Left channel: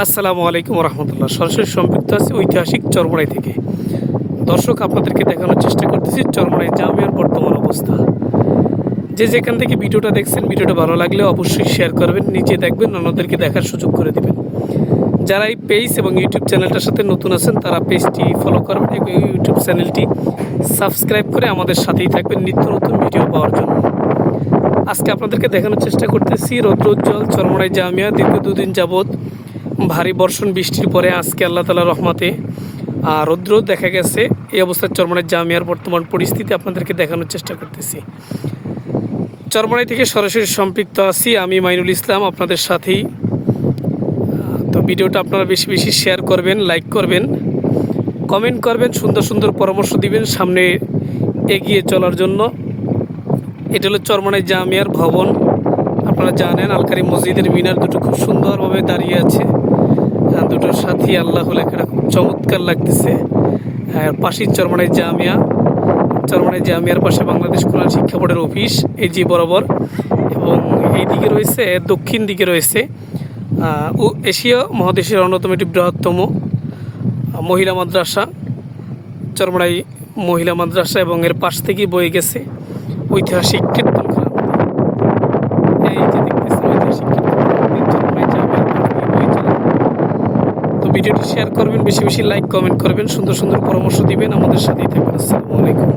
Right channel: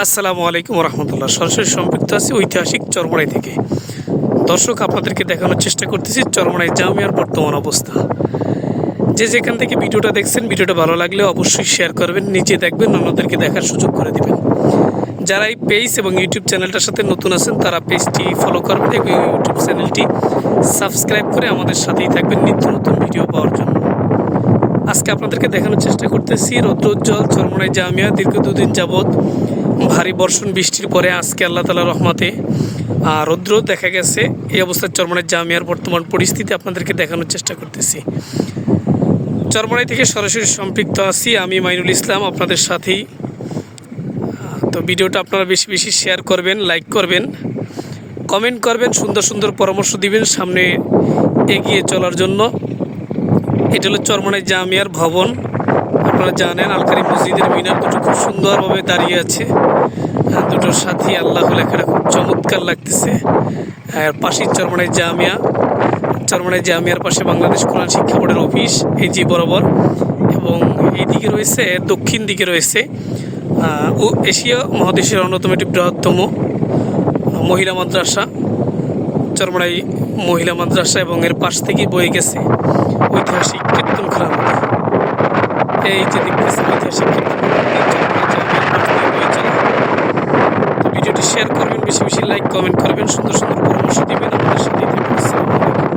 আসসালামু আলাইকুম রহমতুল্লাহ। সরাসরি সম্পৃক্ত আছি ঐতিহাসিক চরমোনাই থেকে। দর্শক, আপনাদেরকে দেখানোর চেষ্টা করতেছি চরমোনাই জামিয়ার বর্তমান অবস্থা। যে যেখান থেকে ভিডিওটা দেখছেন, ভিডিওটা ভালো লাগলে অবশ্যই শেয়ার করবেন, নিজে দেখবেন, অন্যদেরকে দেখার সুযোগ করে দেবেন। যারা এই পেজ এবং ইউটিউব চ্যানেলটার সাথে নতুন আছেন তারা পেজটি ফলো করবেন এবং ইউটিউব চ্যানেলটি সাবস্ক্রাইব করে আমাদের সাথেই থাকবেন নিত্য নতুন ভিডিও পাওয়ার জন্য। আজকে আপনাদেরকে দেখানোর চেষ্টা করতেছি রৌদ্রোজ্জ্বল চরমোনাই জামিয়া। দীর্ঘ দুদিন যাবৎ ভারী বর্ষণ বৃষ্টির পরে আজকে আল্লাহ তাআলার রহমতে রৌদ্র দেখা গেছে। এই অবস্থায় চরমোনাই জামিয়ার বর্তমান পরিস্থিতি আপনাদেরকে দেখানোর চেষ্টা করতেছি। চরমোনাই থেকে সরাসরি সম্পৃক্ত আছি আমি মাইনুল ইসলাম আপনাদের সাথেই। তো ভিডিওটা আপনারা বেশি বেশি শেয়ার করবেন, লাইক করবেন, কমেন্ট করবেন, সুন্দর সুন্দর পরামর্শ দিবেন সামনে এগিয়ে চলার জন্য। এটা হলো চরমোনাই জামিয়ার ভবন। আপনারা জানেন আলকারি মসজিদের মিনার দুটো খুব সুন্দরভাবে দাঁড়িয়ে আছে, দুটোর সাথে আল্লাহ লেখাটা খুব চমৎকার লাগতেছে। আর পাশেই চরমোনাই জামিয়া। চরমোনাই জামিয়ার পাশে বাংলাদেশ কোরআন শিক্ষা বোর্ডের অফিস এই যে বরাবর, এবং এই দিকে রয়েছে, দক্ষিণ দিকে রয়েছে এশিয়া মহাদেশের অন্যতম একটি বৃহত্তম মহিলা মাদ্রাসা, চরমোনাই মহিলা মাদ্রাসা, এবং এর পাশ থেকেই বয়ে গেছে ঐতিহাসিক কীর্তনখানা নদী। এই যে দেখতেছেন ঐতিহাসিক তো ভিডিওটি শেয়ার করবেন, বেশি বেশি লাইক কমেন্ট করবেন, সুন্দর সুন্দর পরামর্শ দিবেন, আমাদের সাথেই থাকবেন। আসসালামু আলাইকুম।